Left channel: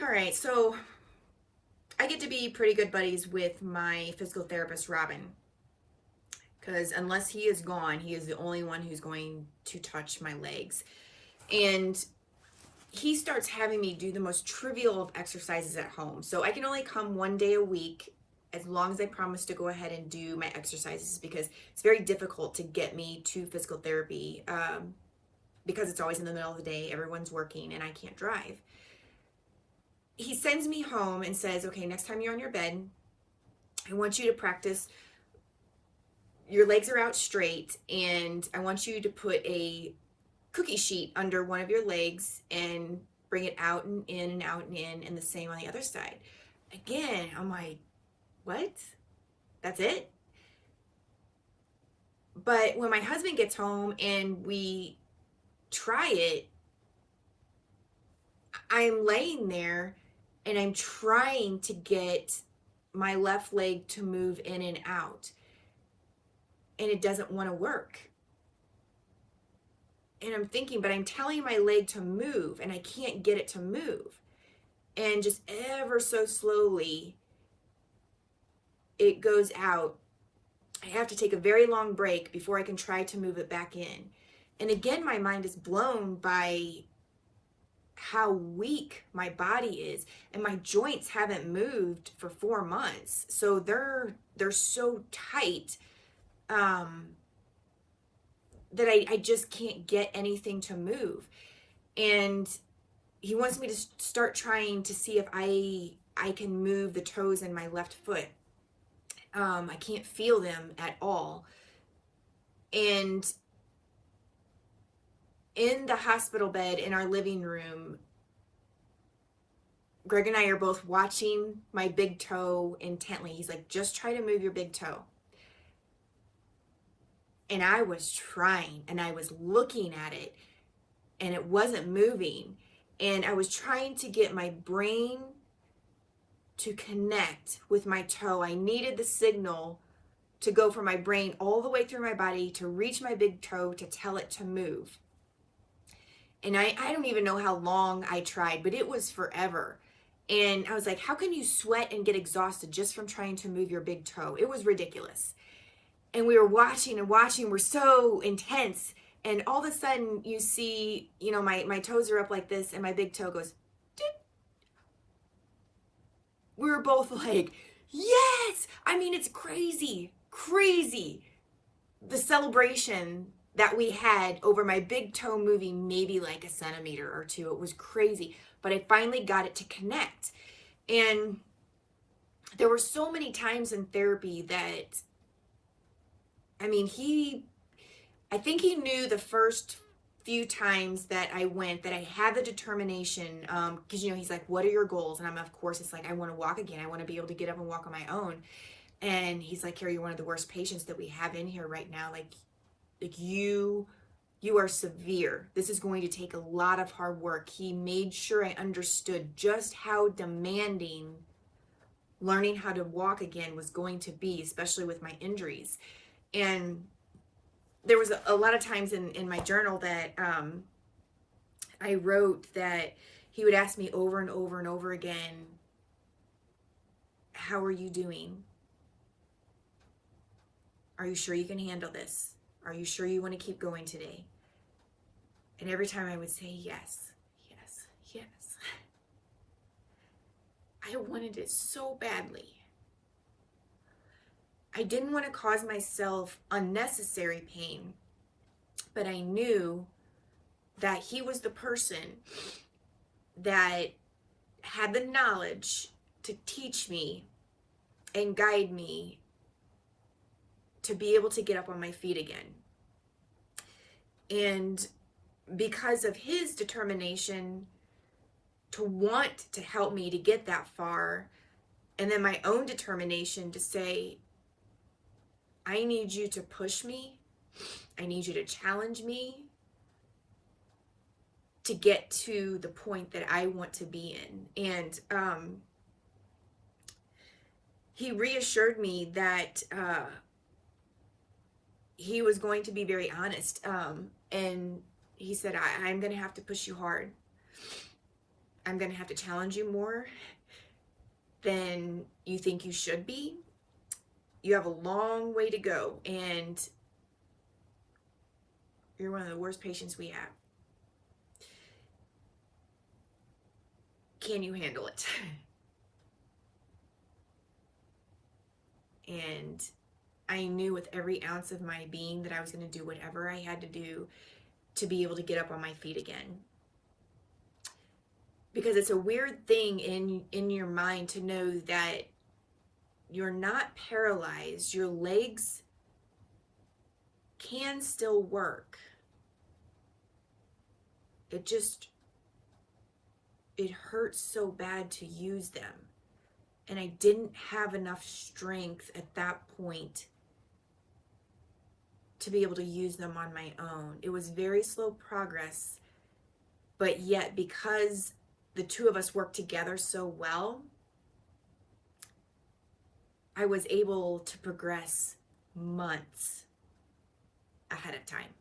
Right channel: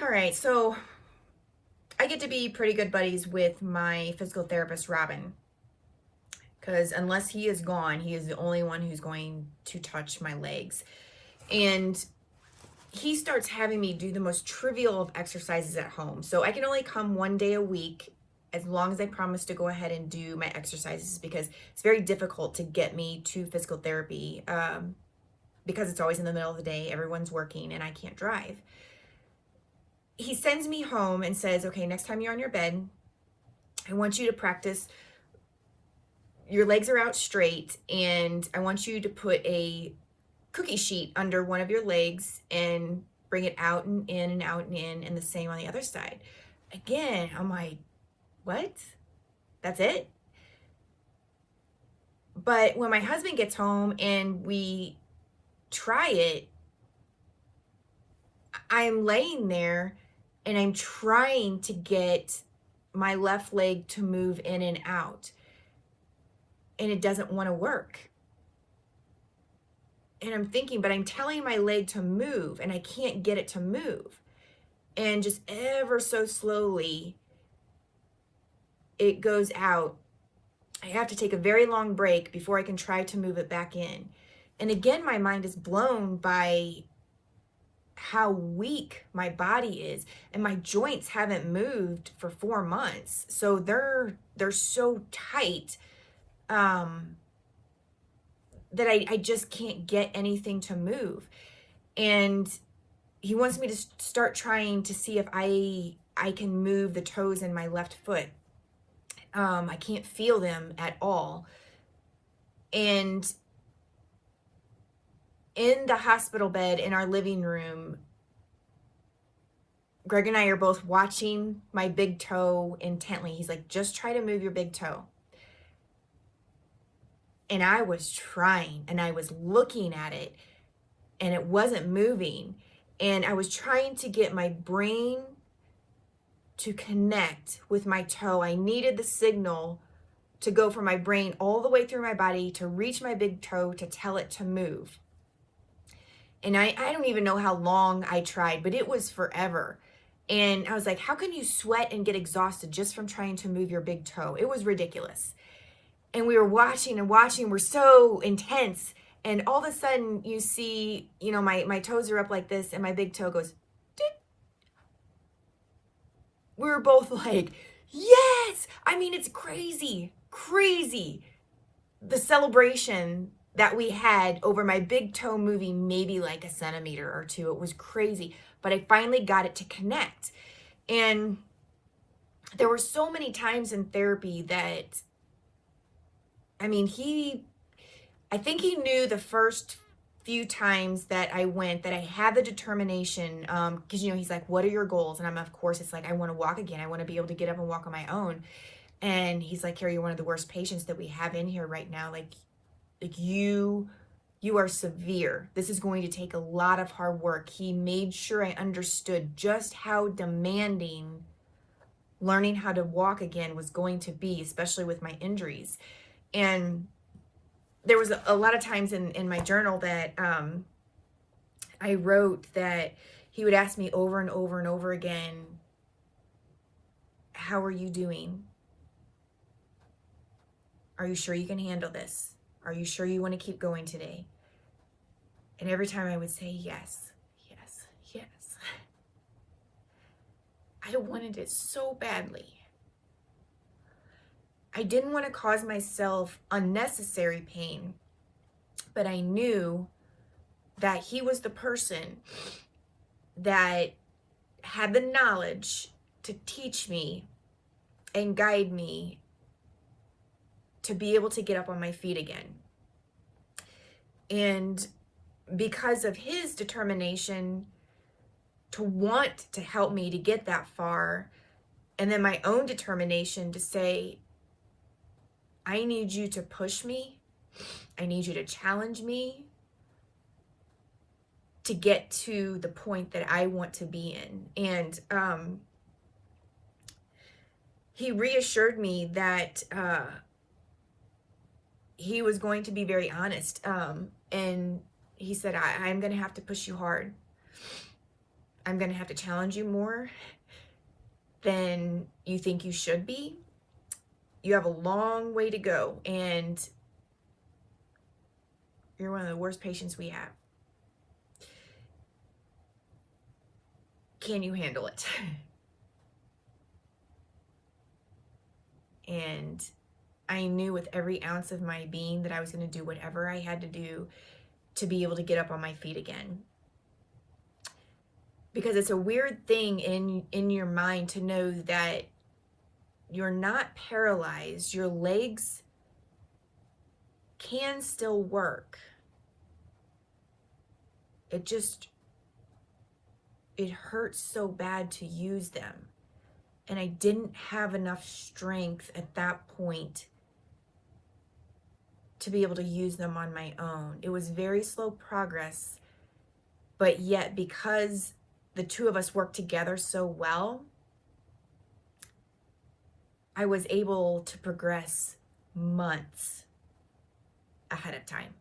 All right, so I get to be pretty good buddies with my physical therapist, Robin, because unless he is gone, he is the only one who's going to touch my legs. And he starts having me do the most trivial of exercises at home. So I can only come one day a week as long as I promise to go ahead and do my exercises because it's very difficult to get me to physical therapy because it's always in the middle of the day, everyone's working, and I can't drive. He sends me home and says, okay, next time you're on your bed, I want you to practice. Your legs are out straight, and I want you to put a cookie sheet under one of your legs and bring it out and in and out and in, and the same on the other side. Again, I'm like, what? That's it? But when my husband gets home and we try it, I'm laying there and I'm trying to get my left leg to move in and out, and it doesn't want to work. And I'm thinking, but I'm telling my leg to move and I can't get it to move. And just ever so slowly, it goes out. I have to take a very long break before I can try to move it back in. And again, my mind is blown by how weak my body is, and my joints haven't moved for 4 months. So they're so tight that I just can't get anything to move. And he wants me to start trying to see if I can move the toes in my left foot. I can't feel them at all. And in the hospital bed in our living room, Greg and I are both watching my big toe intently. He's like, just try to move your big toe. And I was trying, and I was looking at it, and it wasn't moving. And I was trying to get my brain to connect with my toe. I needed the signal to go from my brain all the way through my body to reach my big toe to tell it to move. And I don't even know how long I tried, but it was forever. And I was like, how can you sweat and get exhausted just from trying to move your big toe? It was ridiculous. And we were watching and watching. We're so intense. And all of a sudden you see, my toes are up like this and my big toe goes, doot. We were both like, yes. I mean, it's crazy, crazy. The celebration that we had over my big toe moving maybe like a centimeter or two. It was crazy. But I finally got it to connect. And there were so many times in therapy that, I think he knew the first few times that I went that I had the determination, because, he's like, what are your goals? And of course, it's like, I want to walk again. I want to be able to get up and walk on my own. And he's like, Carey, you're one of the worst patients that we have in here right now. Like you are severe. This is going to take a lot of hard work. He made sure I understood just how demanding learning how to walk again was going to be, especially with my injuries. And there was a lot of times in my journal that I wrote that he would ask me over and over and over again, how are you doing? Are you sure you can handle this? Are you sure you want to keep going today? And every time I would say yes, yes, yes. I wanted it so badly. I didn't want to cause myself unnecessary pain, but I knew that he was the person that had the knowledge to teach me and guide me to be able to get up on my feet again. And because of his determination to want to help me to get that far, and then my own determination to say, I need you to push me. I need you to challenge me to get to the point that I want to be in. And he reassured me that he was going to be very honest. And he said, I'm going to have to push you hard. I'm going to have to challenge you more than you think you should be. You have a long way to go, and you're one of the worst patients we have. Can you handle it? And I knew with every ounce of my being that I was going to do whatever I had to do to be able to get up on my feet again. Because it's a weird thing in your mind to know that you're not paralyzed. Your legs can still work. It hurts so bad to use them. And I didn't have enough strength at that point to be able to use them on my own. It was very slow progress, but yet because the two of us worked together so well, I was able to progress months ahead of time.